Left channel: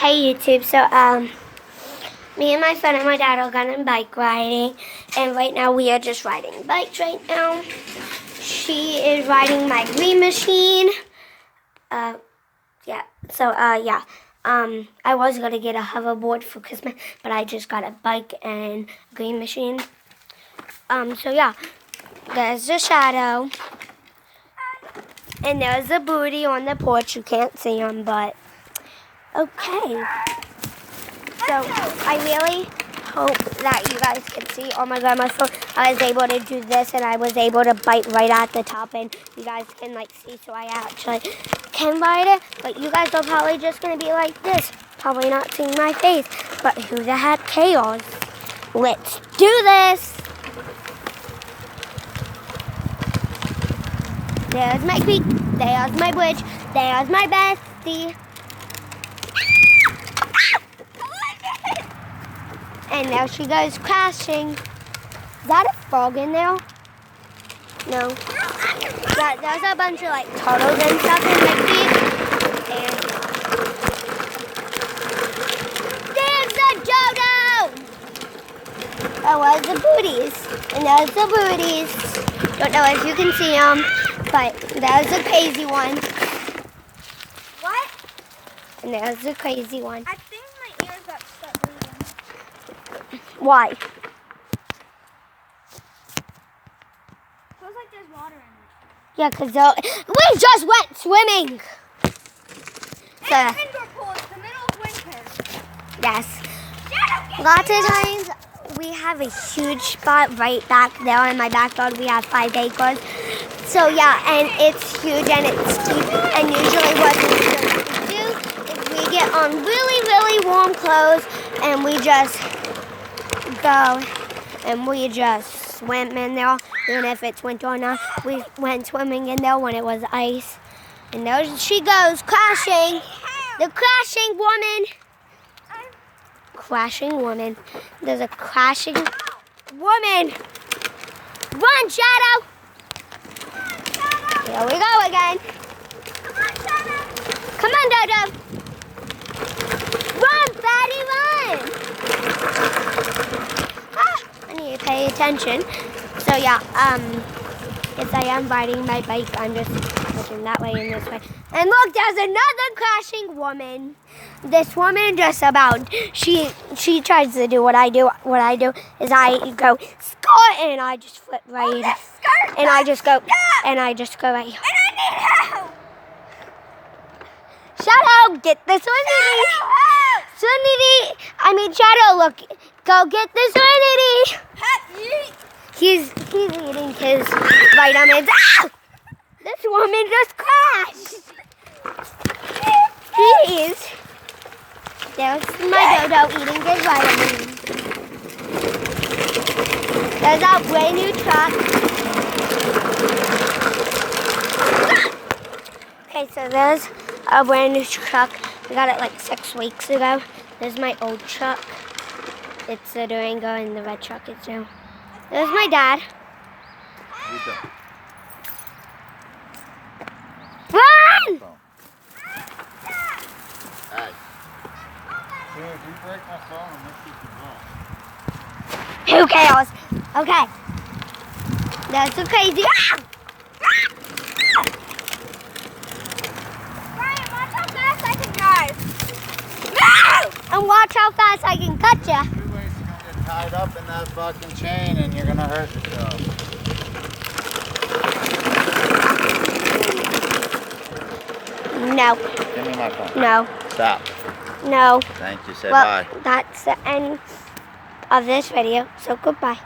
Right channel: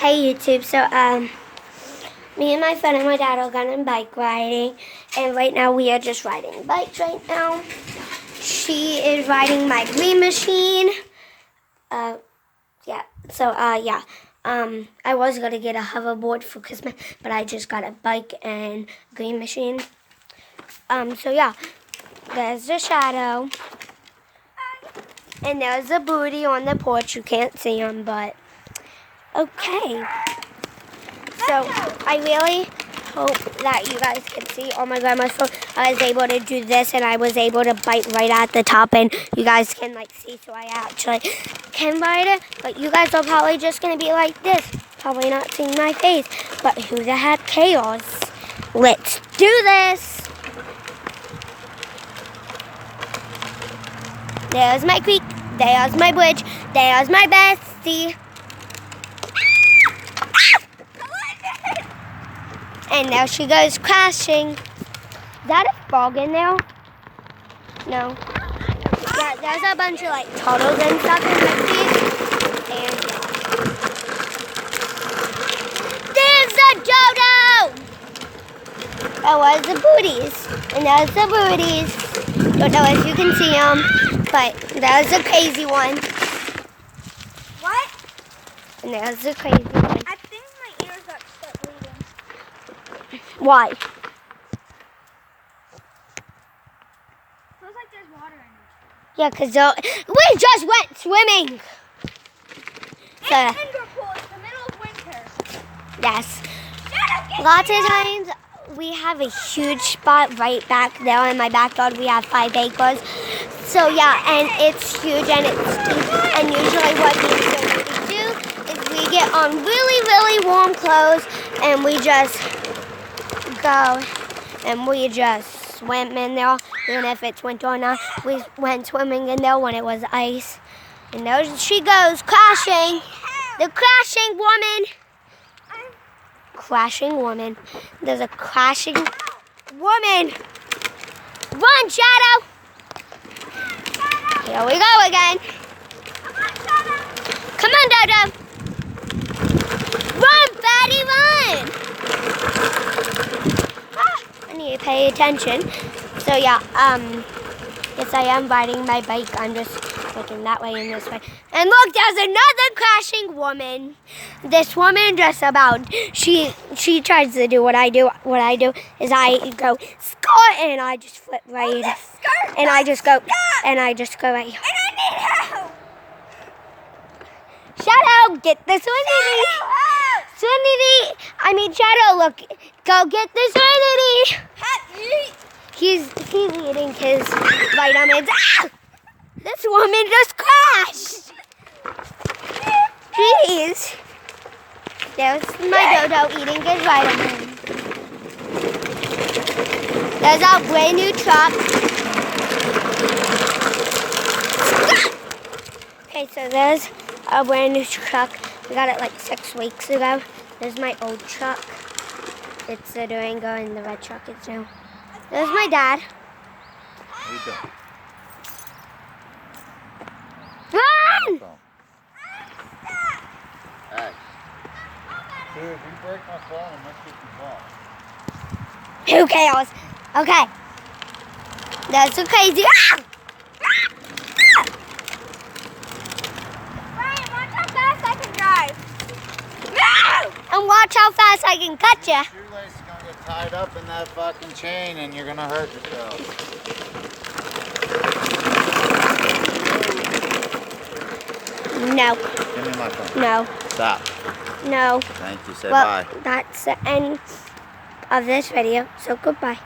Hey YouTube, so me and my son and my dad are going bike riding, and right now we are just riding bikes right now. She is riding my green machine. Yeah, so yeah. I was gonna get a hoverboard for Christmas, but I just got a bike and green machine. So yeah, there's the shadow. And there's a booty on the porch. You can't see him, but okay. So I really hope that you guys can see. Oh my God, my phone. I was able to do this, and I was able to bite right at the top, and you guys can like see. So I actually can bite it, but you guys are probably just gonna be like this, probably not seeing my face. But who the heck cares? Let's do this. There's my creek. There's my bridge. There's my bestie. And there she goes crashing. Is that a frog in there? No. Yeah, there's a bunch of like turtles and stuff in the beach. And there's the dodo! Oh, there's the booties. And there's the booties. Don't know if you can see them, but there's the crazy one. What? And there's the crazy one. I think my ears got stuck bleeding. Why? Feels like there's water in it. Yeah, because we just went swimming. It's indoor pool. It's the middle of winter. Yes. Lots of times we have a huge spot right back there in my backyard. We have 5 acres. So yeah, and it's huge and it's deep. And usually what we do is we get on really, really warm clothes and we just go and we just swim in there. Even if it's winter or not, we went swimming in there when it was ice. And there she goes, crashing. The crashing woman. Crashing woman. There's a crashing woman. Run, Shadow. Here we go again. Come on, Dodo. Run, Fatty, run. I need to pay attention. So yeah, yes, I am riding my bike. I'm just looking that way and this way. And look, there's another crashing woman. This woman just about, she tries to do what I do. What I do is I go, skirt, and I just flip right. Skirt, and I just go, stop. and I just go right. And I need help. Shadow, get the Swinity. Swinity, Shadow, look, go get the Swinity. He's eating his vitamins. Ah! This woman just crashed. Please. There's my Dodo eating his vitamins. There's our brand new truck. Okay, so there's a brand new truck. We got it like 6 weeks ago. There's my old truck. It's the Durango and the red truck is new. There's my dad. How you doing? Run! Hey. Sure, if you break my phone, I'm not keeping the ball. Who cares? Okay. That's so crazy. Ah! Brian, watch how fast I can drive. And watch how fast I can cut you. Shoelace is gonna get tied up in that fucking chain and you're gonna hurt yourself. No. Give me my phone. No. Stop. No. Thank you. Say Well, bye. that's the end of this video. So goodbye.